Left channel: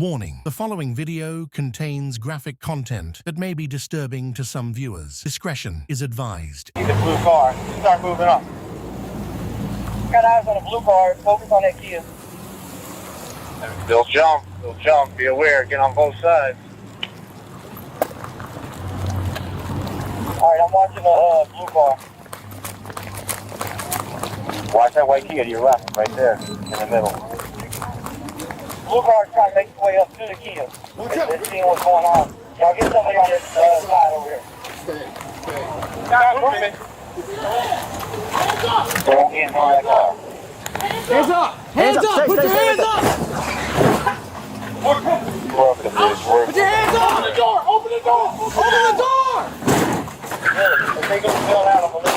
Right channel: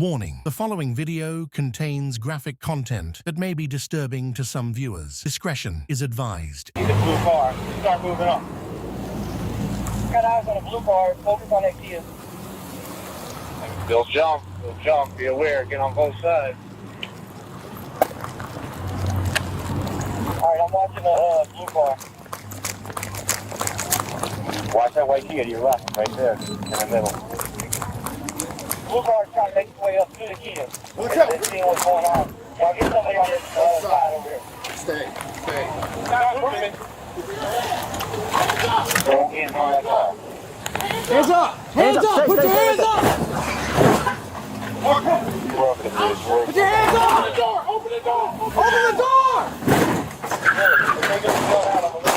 Warning: the following video contains graphic content that may be disturbing to some viewers. Discretion is advised. See the blue car. Start moving up. Got eyes on a blue car. Focus on that Kia. They'll jump. They'll jump. Be aware. Get on both sides. Alright, I'm watching the blue car. Watch that white Kia to your left, right there, in the middle. Blue car is trying to make its way up to the Kia. They're seeing what's going on. Y'all get somebody on this side over here. Stay. Stop moving. Don't get in front of that car. Hands up! Hands up! Put your hands up! Put your hands up! Open the door! Open the door! Open the door! They go fill out of the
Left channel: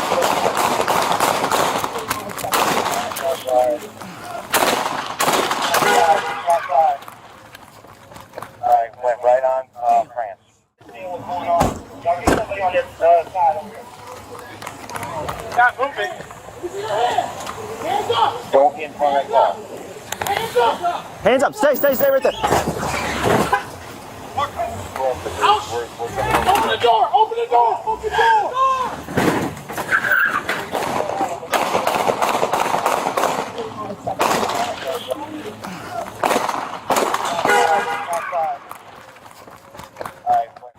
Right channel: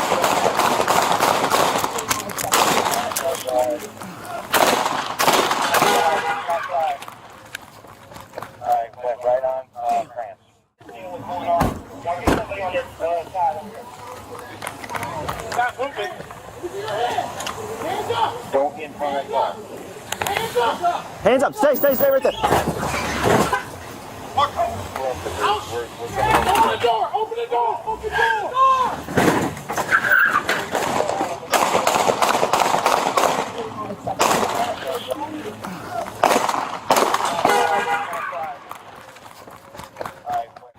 Alright, went right on France. See what's going on. Y'all get somebody on this side over here. Stop moving. Hands up! Don't get in front of that car. Hands up! Hands up! Stay right there! Out! Open the door! Open the door! Open the door!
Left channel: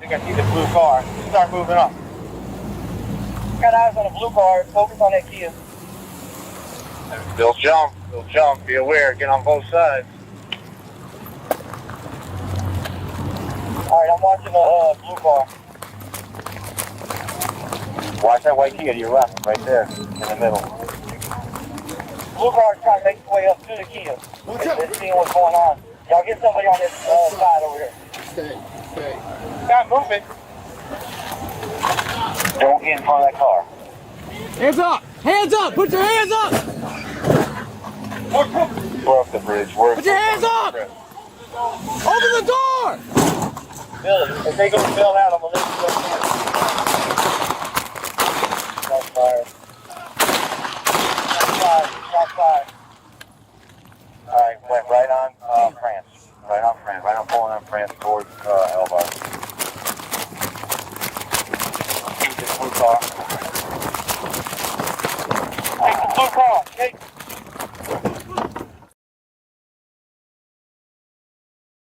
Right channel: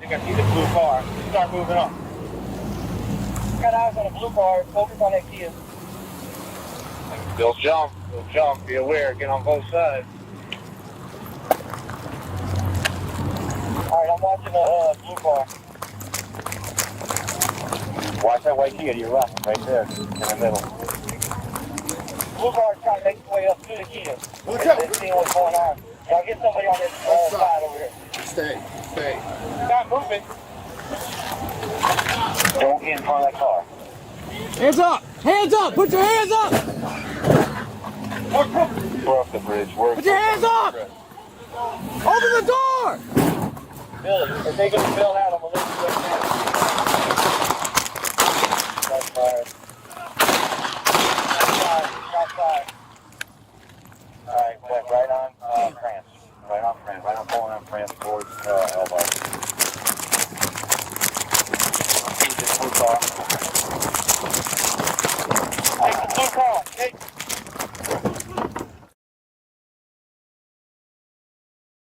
You can see the blue car. Start moving up. Got eyes on a blue car. Focus on that Kia. They'll jump. They'll jump. Be aware. Get on both sides. Alright, I'm watching the blue car. Watch that white Kia to your left, right there, in the middle. Blue car is trying to make its way up to the Kia. They're seeing what's going on. Y'all get somebody on this side over here. Stay. Stop moving. Don't get in front of that car. Hands up! Hands up! Put your hands up! We're up the bridge. Put your hands up! Open the door! Billy, if they go to bail out, I'm going to let you go.